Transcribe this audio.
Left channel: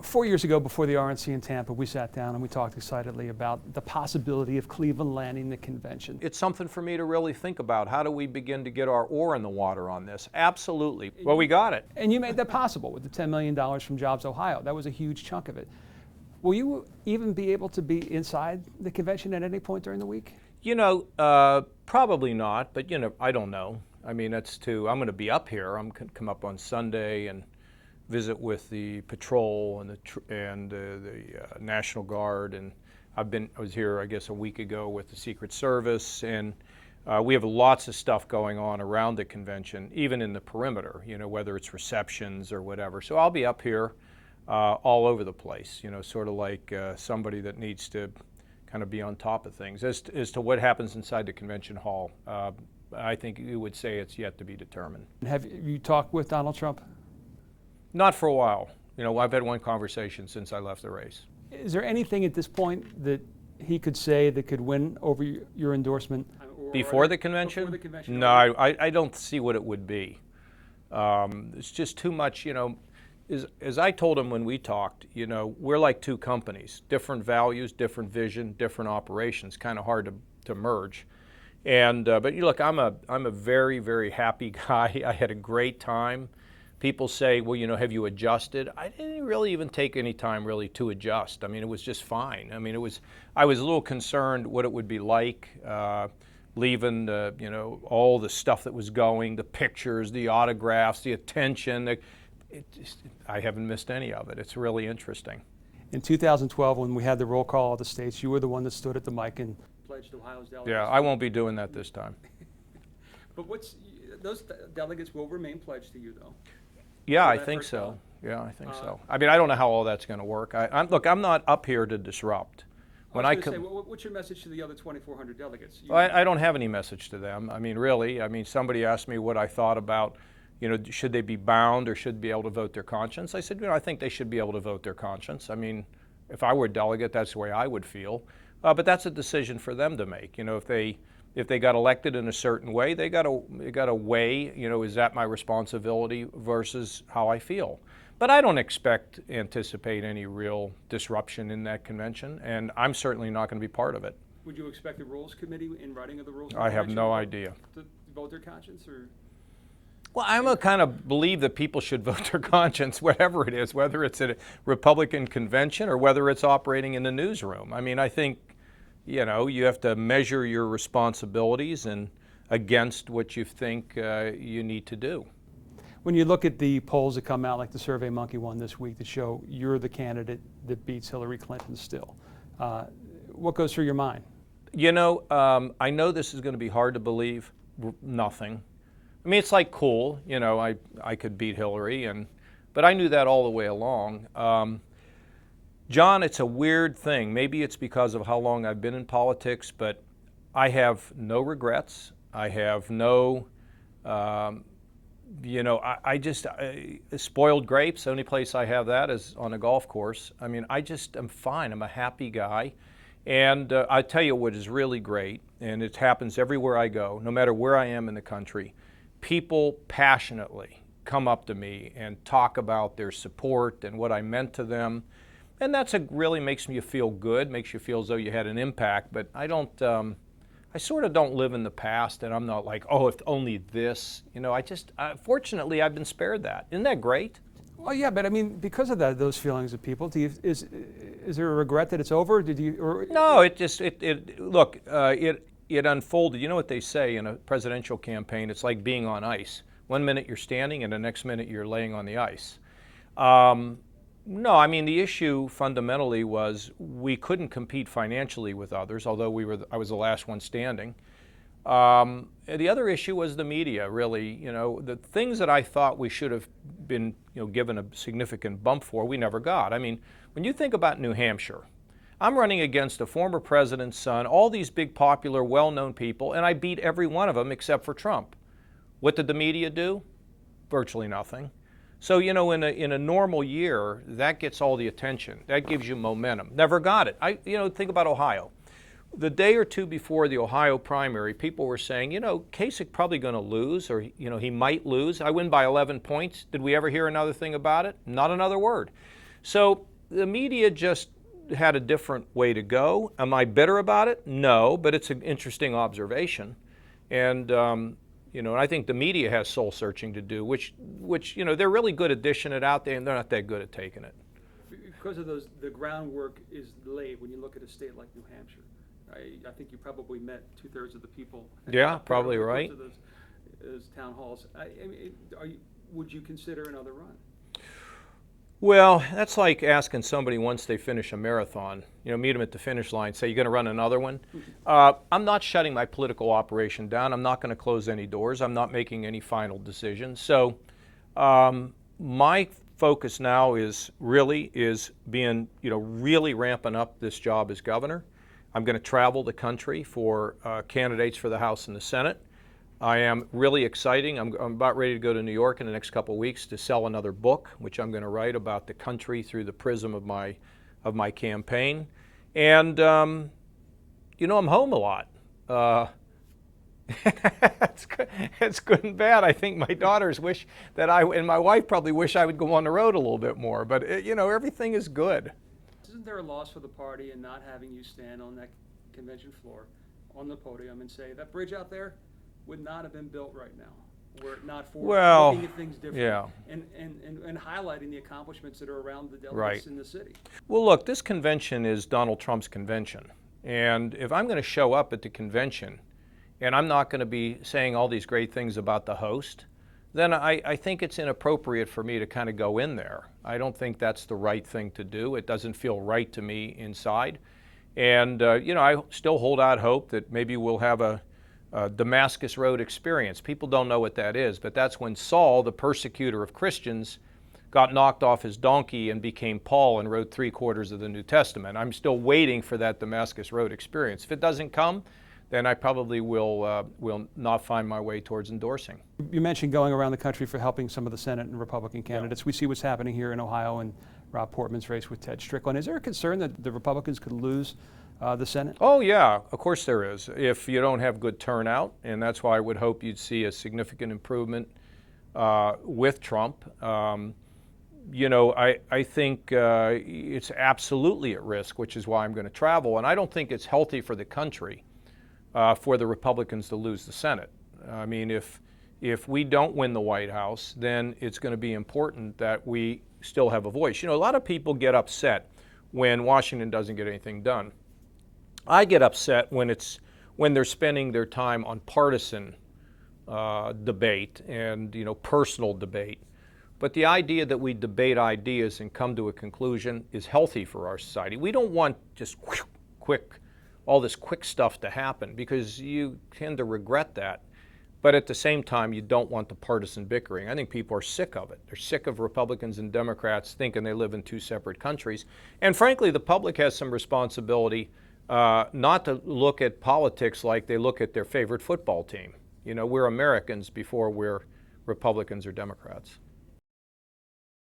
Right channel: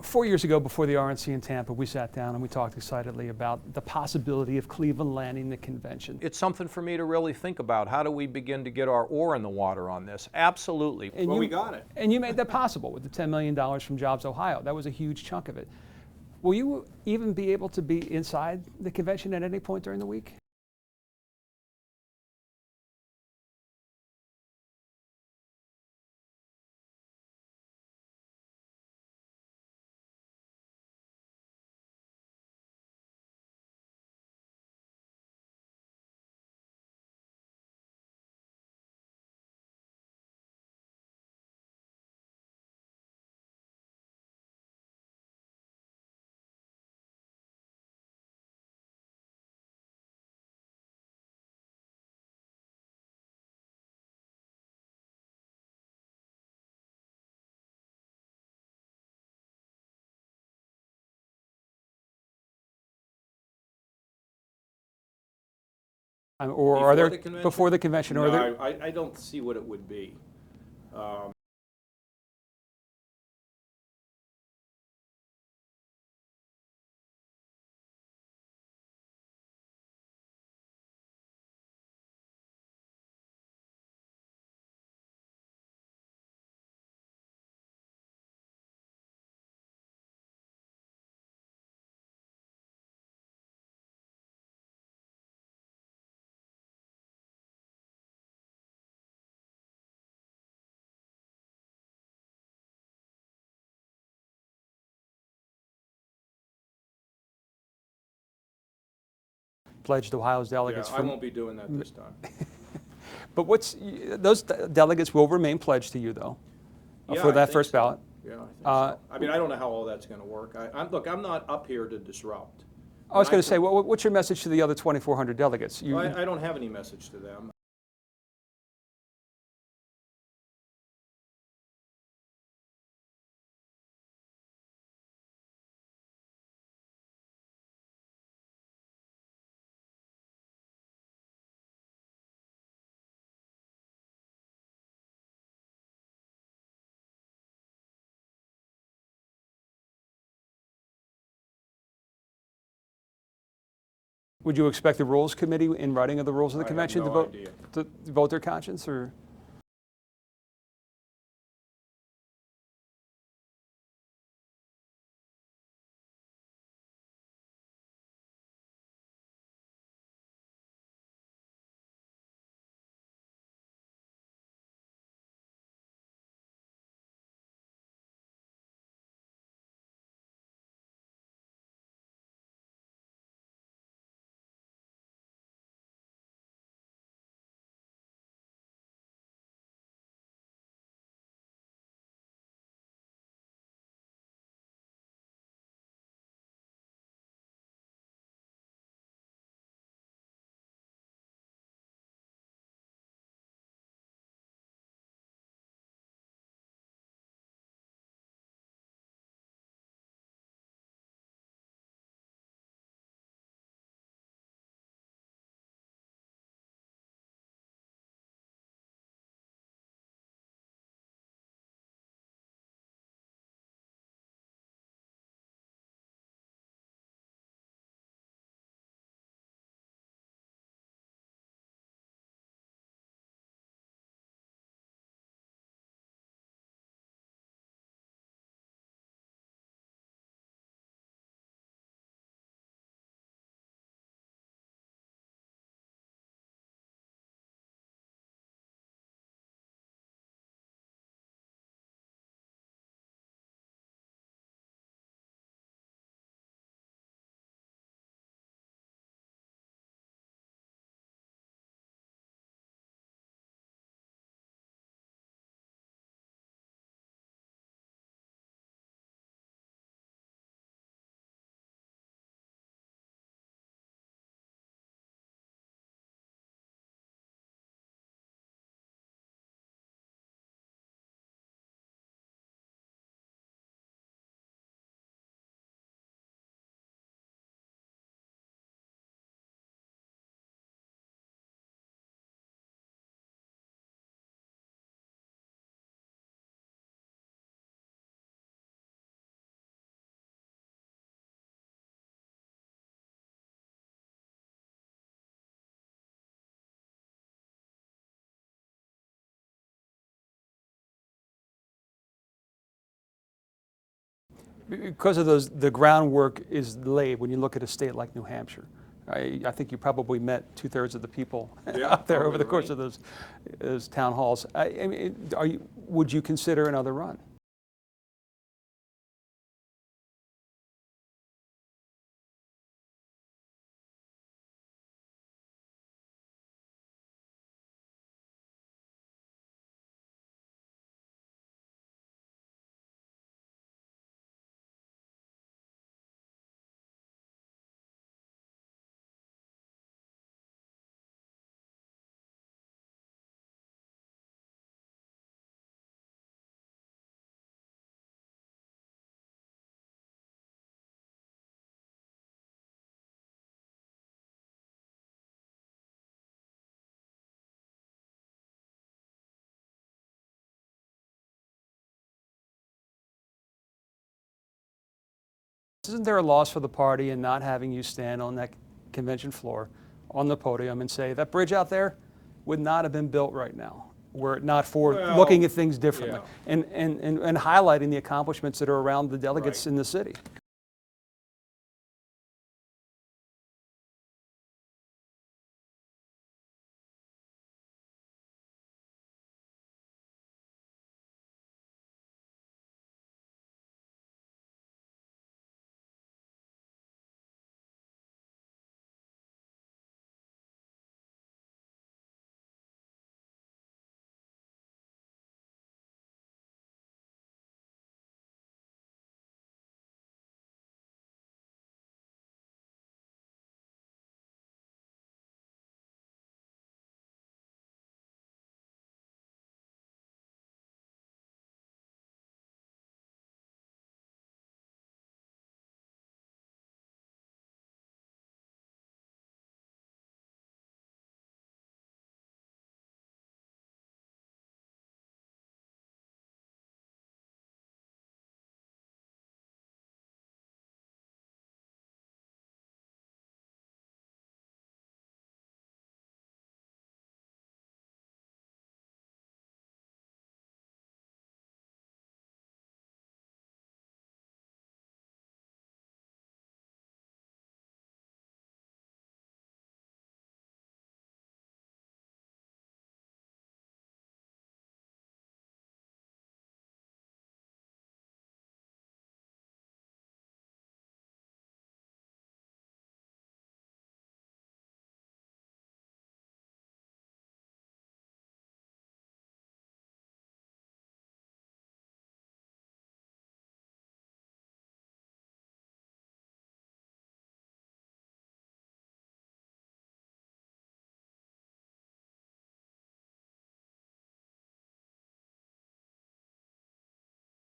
4 years ago, before the RNC in Tampa, we sat down and we talked excitedly about the possibility of Cleveland landing the convention. It's something for me to really think about. How do we begin to get our oar in the water on this? Absolutely. Well, we got it. And you made that possible with the $10 million from Jobs Ohio. That was a huge chunk of it. Will you even be able to be inside the convention at any point during the week? Probably not, but I don't know. I mean, I'm going to be up here. I'm going to come up on Sunday and visit with the patrol and the National Guard, and I was here, I guess, a week ago with the Secret Service, and we have lots of stuff going on around the convention, even in the perimeter, whether it's receptions or whatever. So I'll be up here all over the place, sort of like somebody that needs to kind of be on top of things. As to what happens inside the convention hall, I think you would say it's yet to be determined. Have you talked with Donald Trump? Not for a while. I've had one conversation since I left the race. Is there anything at this point that he could say that could win over your endorsement? Before the convention? Before the convention? No, I don't see what it would be. It's just too much, as I told him when we talked, we're like two companies, different values, different vision, different operations, kind of hard to merge. But look, I'm a very, very happy guy. I had a great time. People say, well, have you adjusted? I didn't really even take any time really to adjust. I mean, it was just fine. I mean, I was a little concerned what it would be like leaving all the stuff that was going, the pictures, the autographs, the attention. I haven't missed any of it. It's really interesting. In 2012, when we had the roll call of the states, you were the one that stood at the mic and pledged Ohio's delegates. Yeah, I won't be doing that this time. But those delegates will remain pledged to you, though. Yeah, for that I think first so. ballot. Yeah, I think so. I mean, I don't know how all that's going to work. Look, I'm not up here to disrupt. I was going to say, what's your message to the other 2,400 delegates? I don't have any message to them. I mean, really. I mean, somebody asked me what I thought about, should they be bound or should be able to vote their conscience? I said, I think they should be able to vote their conscience. I mean, if I were a delegate, that's the way I would feel. But that's a decision for them to make. If they got elected in a certain way, they got to weigh, is that my responsibility versus how I feel. But I don't anticipate any real disruption in that convention, and I'm certainly not going to be part of it. Would you expect the Rules Committee, in writing of the rules of the convention, to vote their conscience, or? Well, I'm a kind of believe that people should vote their conscience, whatever it is, whether it's at a Republican convention or whether it's operating in the newsroom. I mean, I think, you have to measure your responsibilities and against what you think you need to do. When you look at the polls that come out, like the SurveyMonkey one this week, that show you're the candidate that beats Hillary Clinton still, what goes through your mind? I know this is going to be hard to believe. Nothing. I mean, it's like cool. I could beat Hillary, but I knew that all the way along. John, it's a weird thing. Maybe it's because of how long I've been in politics, but I have no regrets. I have no, spoiled grapes. The only place I have that is on a golf course. I mean, I'm fine. I'm a happy guy. And I tell you what is really great, and it happens everywhere I go, no matter where I am in the country, people passionately come up to me and talk about their support and what I meant to them. And really makes me feel good, makes you feel as though you had an impact. But I sort of don't live in the past, and I'm not like, oh, if only this. Fortunately, I've been spared that. Isn't that great? Well, yeah, but I mean, because of those feelings of people, is there a regret that it's over? No, it unfolded. You know what they say in a presidential campaign? It's like being on ice. 1 minute you're standing, and the next minute you're laying on the ice. No, I mean, the issue fundamentally was we couldn't compete financially with others, although I was the last one standing. The other issue was the media, really. The things that I thought we should have been given a significant bump for, we never got. I mean, when you think about New Hampshire, I'm running against a former president's son, all these big, popular, well-known people, and I beat every one of them except for Trump. What did the media do? Virtually nothing. So, in a normal year, that gets all the attention. That gives you momentum. Never got it. Think about Ohio. The day or two before the Ohio primary, people were saying, Kasich probably going to lose, or, he might lose. I win by 11 points. Did we ever hear another thing about it? Not another word. So the media just had a different way to go. Am I bitter about it? No, but it's an interesting observation. And and I think the media has soul searching to do, which they're really good at dishing it out there, and they're not that good at taking it. Because of the groundwork is laid when you look at a state like New Hampshire. I think you probably met 2/3 of the people out there over the course of those town halls. I mean, would you consider another run? Well, that's like asking somebody once they finish a marathon, meet them at the finish line, say, you're going to run another one? I'm not shutting my political operation down. I'm not going to close any doors. I'm not making any final decisions. So my focus now is being, really ramping up this job as governor. I'm going to travel the country for candidates for the House and the Senate. I am really exciting. I'm about ready to go to New York in the next couple of weeks to sell another book, which I'm going to write about the country through the prism of my campaign. And I'm home a lot. It's good and bad. I think my daughters wish that and my wife probably wish I would go on the road a little bit more. But everything is good. Isn't there a loss for the party in not having you stand on that convention floor, on the podium, and say that bridge out there would not have been built right now, were it not for looking at things differently and highlighting the accomplishments that are around the delegates in the city? Well, look, this convention is Donald Trump's convention. And if I'm going to show up at the convention and I'm not going to be saying all these great things about the host, then I think it's inappropriate for me to kind of go in there. I don't think that's the right thing to do. It doesn't feel right to me inside. And, I still hold out hope that maybe we'll have a Damascus Road experience. People don't know what that is, but that's when Saul, the persecutor of Christians, got knocked off his donkey and became Paul and wrote 3/4 of the New Testament. I'm still waiting for that Damascus Road experience. If it doesn't come, then I probably will not find my way towards endorsing. You mentioned going around the country for helping some of the Senate and Republican candidates. We see what's happening here in Ohio and Rob Portman's race with Ted Strickland. Is there a concern that the Republicans could lose the Senate? Oh yeah, of course there is. If you don't have good turnout, and that's why I would hope you'd see a significant improvement with Trump. I think it's absolutely at risk, which is why I'm going to travel. And I don't think it's healthy for the country for the Republicans to lose the Senate. I mean, if we don't win the White House, then it's going to be important that we still have a voice. A lot of people get upset when Washington doesn't get anything done. I get upset when they're spending their time on partisan debate and personal debate. But the idea that we debate ideas and come to a conclusion is healthy for our society. We don't want just all this quick stuff to happen, because you tend to regret that. But at the same time, you don't want the partisan bickering. I think people are sick of it. They're sick of Republicans and Democrats thinking they live in two separate countries. And frankly, the public has some responsibility not to look at politics like they look at their favorite football team. We're Americans before we're Republicans or Democrats.